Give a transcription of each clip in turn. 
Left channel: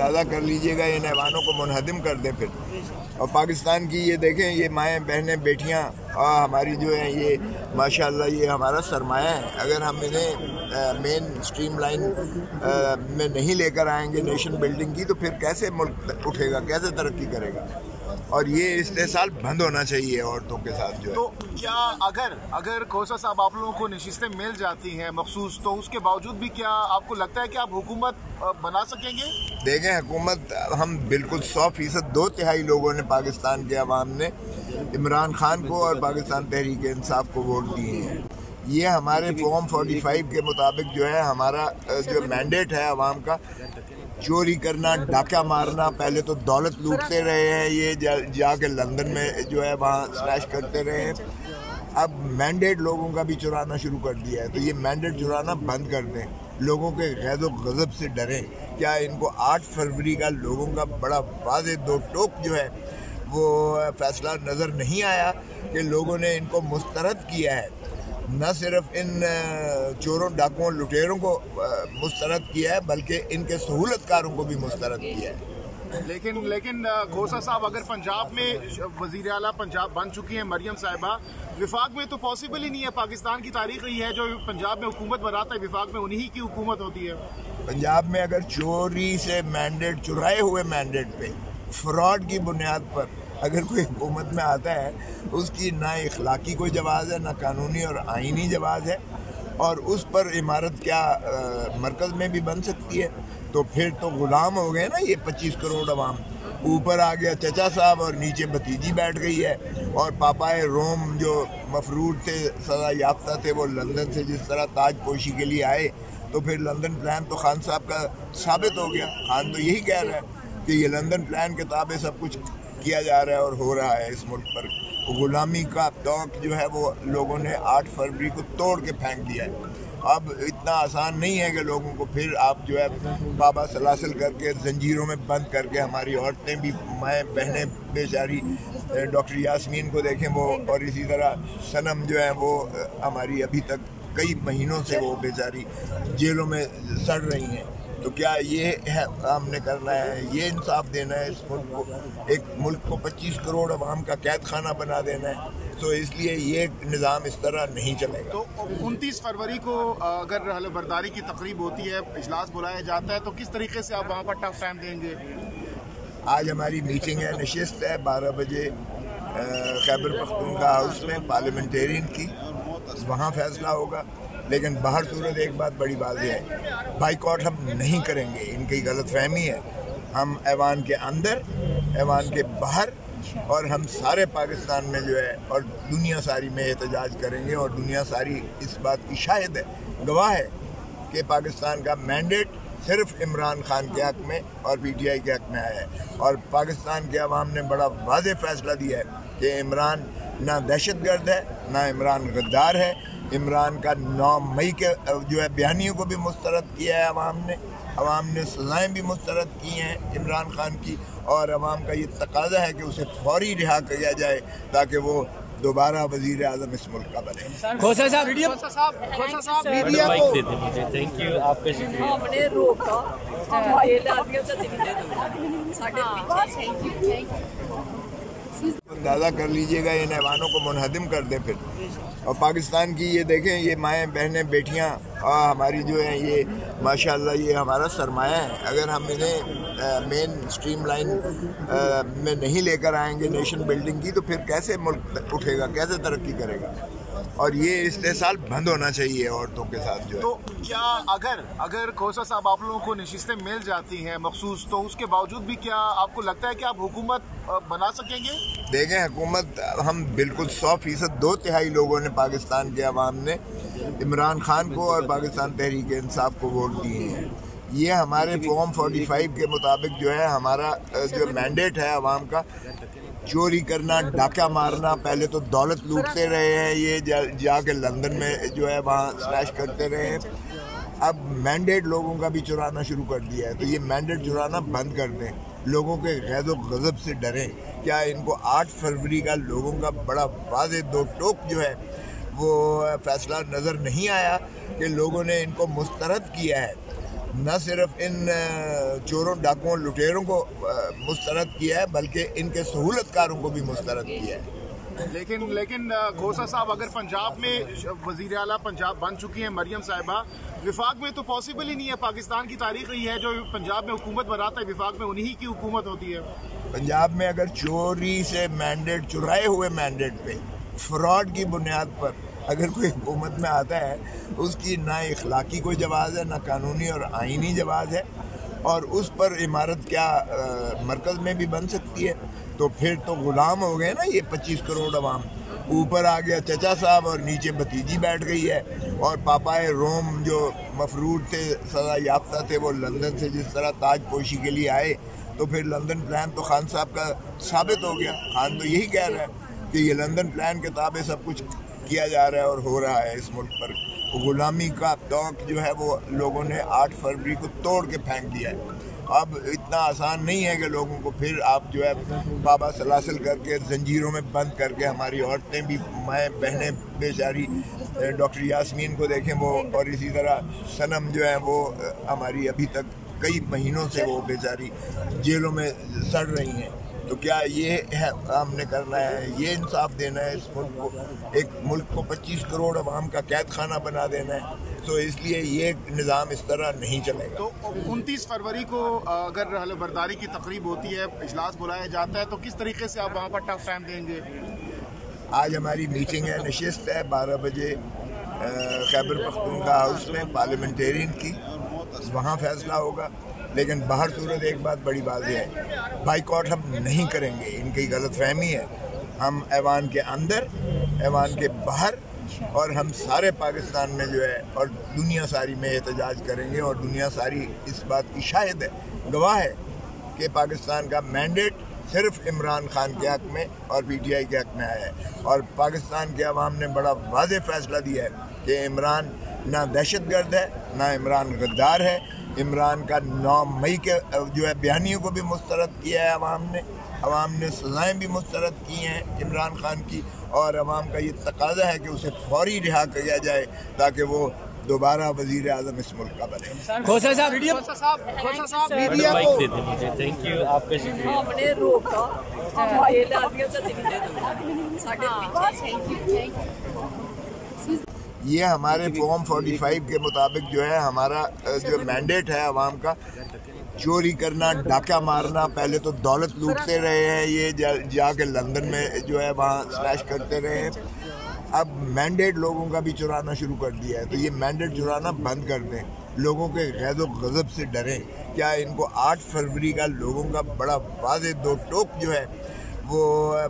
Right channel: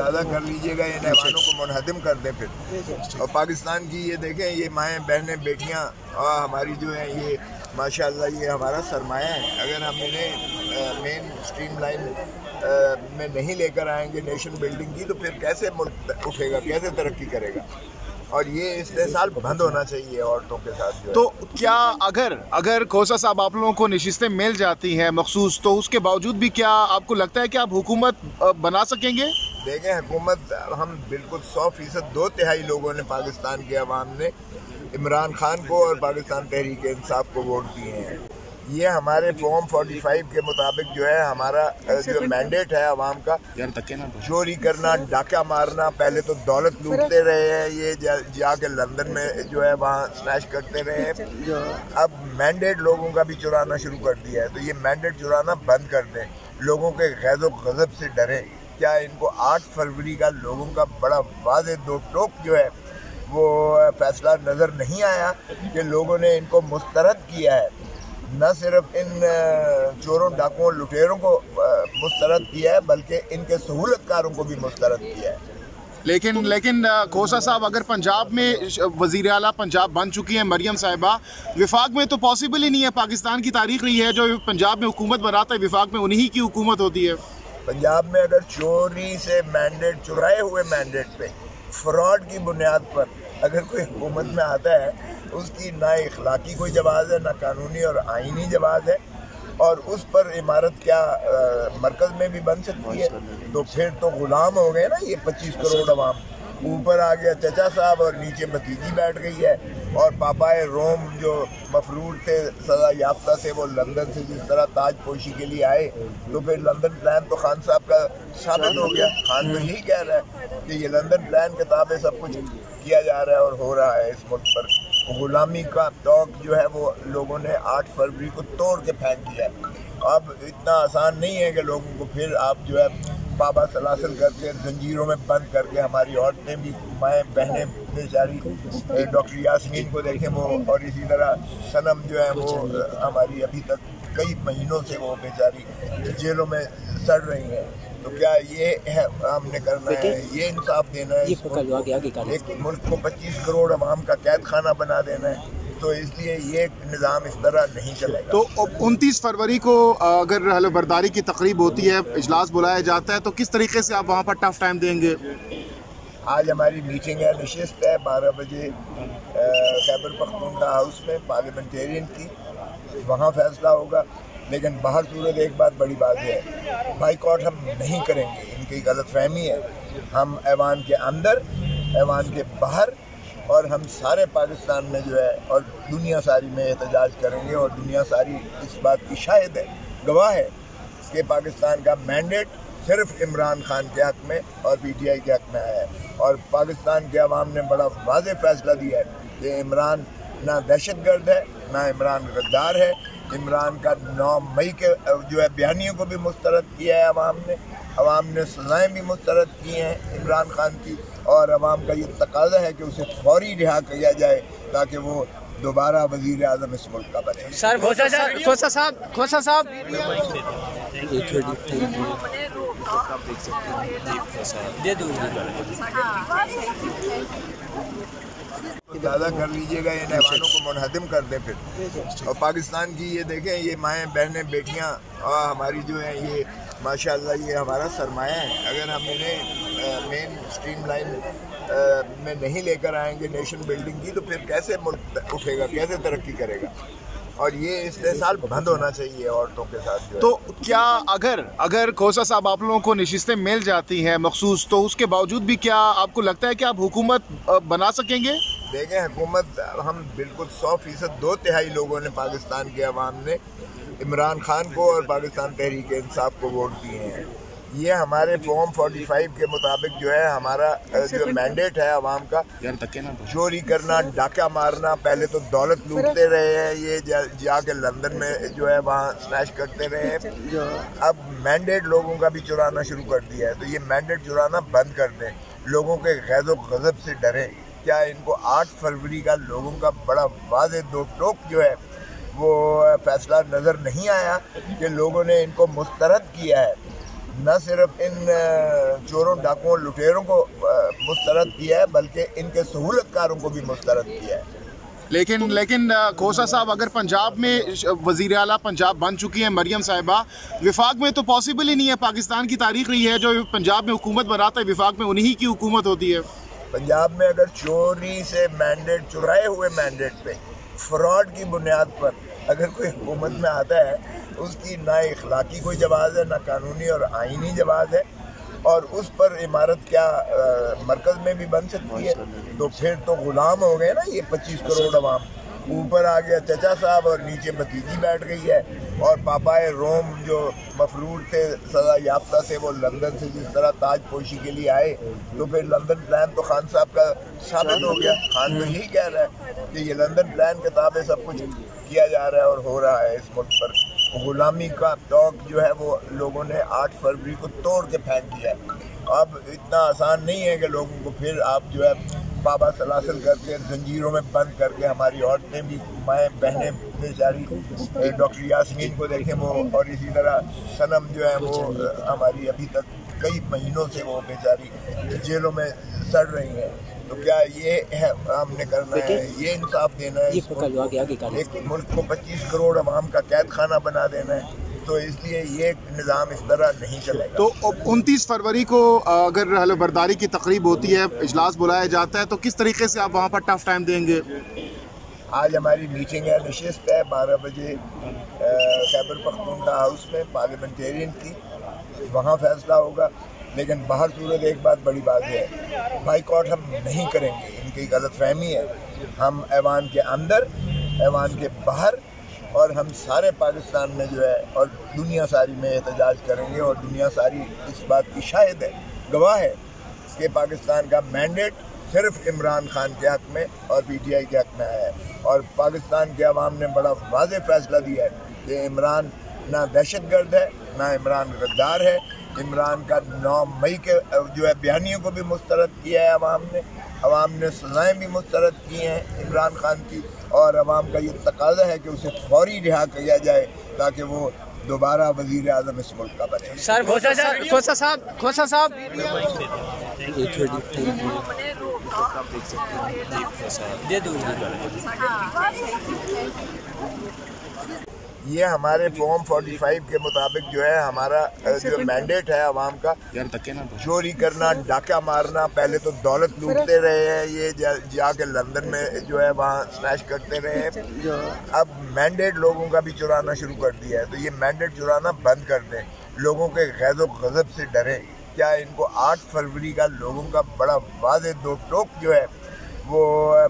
अंदाज़ा कर लीजिएगा, इन ऐवानों को मुनहदिम कर दें फिर। और पाकिस्तान की ये देखें, ये माएँ बहनें बेटियाँ हमारी जो हैं, ये माशाल्लाह ये हमारा सरमाया है। अगर हम इन्हें मेन स्ट्रीम लाइन में नहीं लेकर आएंगे नेशन बिल्डिंग की, तो फिर कैसे मुल्क उठेगा, कैसे तरक्की करेगा। और ये इस्तेसाल बंद होना चाहिए औरतों के साथ जो। तो क्या अगर खोसा साहब आप लोगों को नशिस्तें मिल जाती हैं मखसूस, तो उसके बावजूद भी क्या आपको लगता है कि आप हुकूमत बना सकेंगे? देखें, हुकूमत हम बिल्कुल 100% 2/3 लोगों ने, पाकिस्तान के अवाम ने इमरान खान को और पाकिस्तान तहरीक इंसाफ को वोट दिए हैं। ये हमारे फॉर्म 45 के मुताबिक जो है हमारा जो मैंडेट है अवाम का, चोरी करना, डाका मारना, पहले तो दौलत लूटते रहे हैं, ये जाके लंदन में जो है वहाँ स्नैच करते रहे हैं। अब मैंडेट लोगों का भी चुराना शुरू कर दिया है, तो ये मैंडेट चुराना बंद कर दें, लोगों के गैज़ो गज़ब से डरें। क्या इनको 8 फरवरी का लोगों का बड़ा वाज़ेह दो टोक जो है वो फैसला नज़र नहीं आया कि लोगों ने इनको मुस्तरद किया है। न सिर्फ इन चोरों, डाकुओं, लुटेरों को मुस्तरद किया है, बल्कि इनके सहूलतकारों को भी मुस्तरद किया है। लेकिन खोसा साहब, अगर पंजाब में वज़ीर आला पंजाब बन चुकी हैं मरियम साहिबा, विफाक में तो पॉसिबल ही नहीं है। पाकिस्तान की तारीख रही है, जो पंजाब में हुकूमत बनाता है विफाक में उन्हीं की हुकूमत होती है। पंजाब में अगर चोरी से मैंडेट, चुराए हुए मैंडेट पे फ्रॉड की बुनियाद पर अगर कोई हुकूमत में आता है, उसकी ना इखलाकी कोई जवाज़ है, ना कानूनी और आइनी जवाज़ है, और उस पर इमारत क्या मरकज़ में भी बन सकती है। तो फिर तो गुलाम हो गए ना ये 25 करोड़ अवाम। ऊपर आ गया चचा साहब और नीचे भतीजी बैठ गई है। और पापाए रोम जो मफरूर थे, सज़ा याफ्ता थे, वो लंदन से जिस तरह ताज पोशी के लिए आए, तो फिर लंदन प्लान तो खान साहब का साबित हो गया। खान तो यही कह रहा है कि ये लंदन प्लान के ताबे सब कुछ किया जा रहा है और हो रहा है इस मुल्क पर। गुलामी का तौक जो है वो लोगों ने 8 फरवरी को तोड़ के फेंक दिया है। अब इतना आसान नहीं है कि लोगों को फिर आप जो है बाबा सलासल करके, जंजीरों में बंद करके, हमारी औरतें भी, माएँ बहनें बेचारी, डॉक्टर यास्मीन को देखें वो, और इसी तरह सनम जो है वो हमारी अभी तक कई महीनों से वो बेचारी जेलों में सड़ रही हैं। तो क्या ये है हमने करना है, ये इंसाफ देना है इस मुल्क को? एक मुल्क को 25 करोड़ अवाम का कैद खाना बना देना है? तो इसलिए ये निज़ाम इस तरह नहीं चलेगा। तो 29 फरवरी को अगर हलफबर्दारी की तकरीब होती है, इजलास बुलाया जाता है, तो किस तरीके से आप वहाँ पर टफ टाइम देंगे? आज हमारी मीटिंग है, नशिस्त है 12 बजे खैबर पख्तूनख्वा हाउस में पार्लियामेंटेरियन की, वहाँ फैसला होगा। लेकिन बाहर सूरत एक बात बड़ी बात है, बाइकआउट हम नहीं करेंगे, इनकी गलतफहमी है। हम ऐवान के अंदर, ऐवान के बाहर, और हम सारे पाकिस्तान में जो है और दुनिया सारी में एहतजाज करेंगे। और दुनिया सारी इस बात की शाहिद है, गवाह है कि पाकिस्तान का मैंडेट सिर्फ इमरान खान के हक़ में और PTI के हक़ में आया है। और पाकिस्तान के अवाम ने बड़ा वाज़ेह फ़ैसला दिया है कि इमरान ना दहशतगर्द है, ना इमरान गद्दार है। इमरान का 9 मई के जो है बयानियों को भी मुस्तरद किया है अवाम ने सज़ाएँ भी मुस्तरद की हैं इमरान खान की। और अवाम का ये तकाज़ा है कि उसे फौरी रिहा किया जाए ताकि वो दोबारा वज़ीर आज़म इस मुल्क का बने। खोसा साहब अंदाज़ा कर लीजिएगा, इन ऐवानों को मुनहदिम कर दें फिर। और पाकिस्तान की ये देखें, ये माएँ बहनें बेटियाँ हमारी जो हैं, ये माशाल्लाह ये हमारा सरमाया है। अगर हम इन्हें मेन स्ट्रीम लाइन में नहीं लेकर आएंगे नेशन बिल्डिंग की, तो फिर कैसे मुल्क उठेगा, कैसे तरक्की करेगा। और ये इस्तेसाल बंद होना चाहिए औरतों के साथ जो। तो क्या अगर खोसा साहब आप लोगों को नशिस्तें मिल जाती हैं मखसूस, तो उसके बावजूद भी क्या आपको लगता है कि आप हुकूमत बना सकेंगे? देखें, हुकूमत हम बिल्कुल 100% 2/3 लोगों ने, पाकिस्तान के अवाम ने इमरान खान को और पाकिस्तान तहरीक इंसाफ को वोट दिए हैं। ये हमारे फॉर्म 45 के मुताबिक जो है हमारा जो मैंडेट है अवाम का, चोरी करना, डाका मारना, पहले तो दौलत लूटते रहे हैं, ये जाके लंदन में जो है वहाँ स्नैच करते रहे हैं। अब मैंडेट लोगों का भी चुराना शुरू कर दिया है, तो ये मैंडेट चुराना बंद कर दें, लोगों के गैज़ो गज़ब से डरें। क्या इनको 8 फरवरी का लोगों का बड़ा वाज़ेह दो टोक जो है वो फैसला नज़र नहीं आया कि लोगों ने इनको मुस्तरद किया है। न सिर्फ इन चोरों डाकुओं लुटेरों को मुस्तरद किया है बल्कि इनके सहूलतकारों को भी मुस्तरद किया है। लेकिन खोसा साहब, अगर पंजाब में वज़ीर आला पंजाब बन चुकी हैं मरियम साहिबा, विफाक में तो पॉसिबल ही नहीं है। पाकिस्तान की तारीख रही है जो पंजाब में हुकूमत बनाता है विफाक में उन्हीं की हुकूमत होती है। पंजाब में अगर चोरी से मैंडेट, चुराए हुए मैंडेट पे फ्रॉड की बुनियाद पर अगर कोई हुकूमत में आता है, उसकी ना इखलाकी कोई जवाज़ है, ना कानूनी और आइनी जवाज़ है, और उस पर इमारत क्या मरकज़ में भी बन सकती है। तो फिर तो गुलाम हो गए ना ये 25 करोड़ अवाम। ऊपर आ गया चचा साहब और नीचे भतीजी बैठ गई है, और पापाए रोम जो मफरूर थे, सज़ा याफ्ता थे, वो लंदन से जिस तरह ताज पोशी के लिए आए, तो फिर लंदन प्लान तो खान साहब का साबित हो गया। खान तो यही कह रहा है कि ये लंदन प्लान के ताबे सब कुछ किया जा रहा है और हो रहा है इस मुल्क पर। गुलामी का तौक जो है वो लोगों ने 8 फरवरी को तोड़ के फेंक दिया है। अब इतना आसान नहीं है कि लोगों को फिर आप जो है बाबा सलासल करके जंजीरों में बंद करके, हमारी औरतें भी, माएँ बहनें बेचारी, डॉक्टर यास्मीन को देखें वो, और इसी तरह सनम जो है वो हमारी अभी तक कई महीनों से वो बेचारी जेलों में सड़ रही हैं। तो क्या ये है हमने करना है? ये इंसाफ देना है इस मुल्क को? एक मुल्क को 25 करोड़ अवाम का कैद खाना बना देना है? तो इसलिए ये निज़ाम इस तरह नहीं चलेगा। तो 29 फरवरी को अगर हलफबरदारी की तकरीब होती है, इजलास बुलाया जाता है, तो किस तरीके से आप वहाँ पर टफ टाइम देंगे? आज हमारी मीटिंग है, नशिस्त है 12 बजे खैबर पख्तूनख्वा हाउस में पार्लियामेंटेरियन की, वहाँ फैसला होगा। लेकिन बाहर सूरत एक बात बड़ी बात है, बाइकआउट हम नहीं करेंगे, इनकी गलत फहमी है। हम ऐवान के अंदर, ऐवान के बाहर, और हम सारे पाकिस्तान में जो है और दुनिया सारी में एहतजाज करेंगे, और दुनिया सारी इस बात की शाहिद है, गवाह है कि पाकिस्तान का मैंडेट सिर्फ इमरान खान के हक़ में और PTI के हक़ में आया है। और पाकिस्तान के अवाम ने बड़ा वाज़ेह फ़ैसला दिया है कि इमरान ना दहशतगर्द है, ना इमरान गद्दार है। इमरान का 9 मई के जो है बयानियों को भी मुस्तरद किया है अवाम ने सज़ाएँ भी मुस्तरद की हैं इमरान खान की, और अवाम का ये तकाज़ा है कि उसे फौरी रिहा किया जाए ताकि वो दोबारा वज़ीर आज़म इस मुल्क का बने। खोसा साहब ये हमारे फॉर्म 45 के मुताबिक जो है हमारा जो मैंडेट है अवाम का, चोरी करना, डाका मारना, पहले तो दौलत लूटते रहे हैं ये, जाके लंदन में जो है वहाँ स्नैच करते रहे हैं। अब मैंडेट लोगों का भी चुराना शुरू कर दिया है, तो ये मैंडेट चुराना बंद कर दें, लोगों के गैज़ो गज़ब से डरें। क्या इनको 8 फरवरी का लोगों का बड़ा वाज़ेह दो टोक जो है वो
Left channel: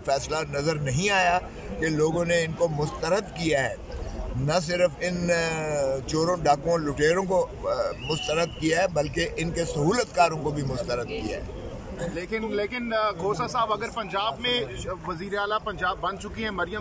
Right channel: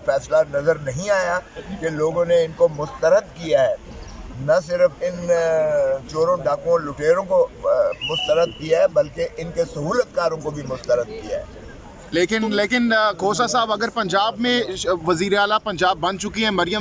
फैसला नज़र नहीं आया कि लोगों ने इनको मुस्तरद किया है? न सिर्फ इन चोरों डाकुओं लुटेरों को मुस्तरद किया है बल्कि इनके सहूलतकारों को भी मुस्तरद किया है। लेकिन खोसा साहब, अगर पंजाब में वज़ीर आला पंजाब बन चुकी हैं मरियम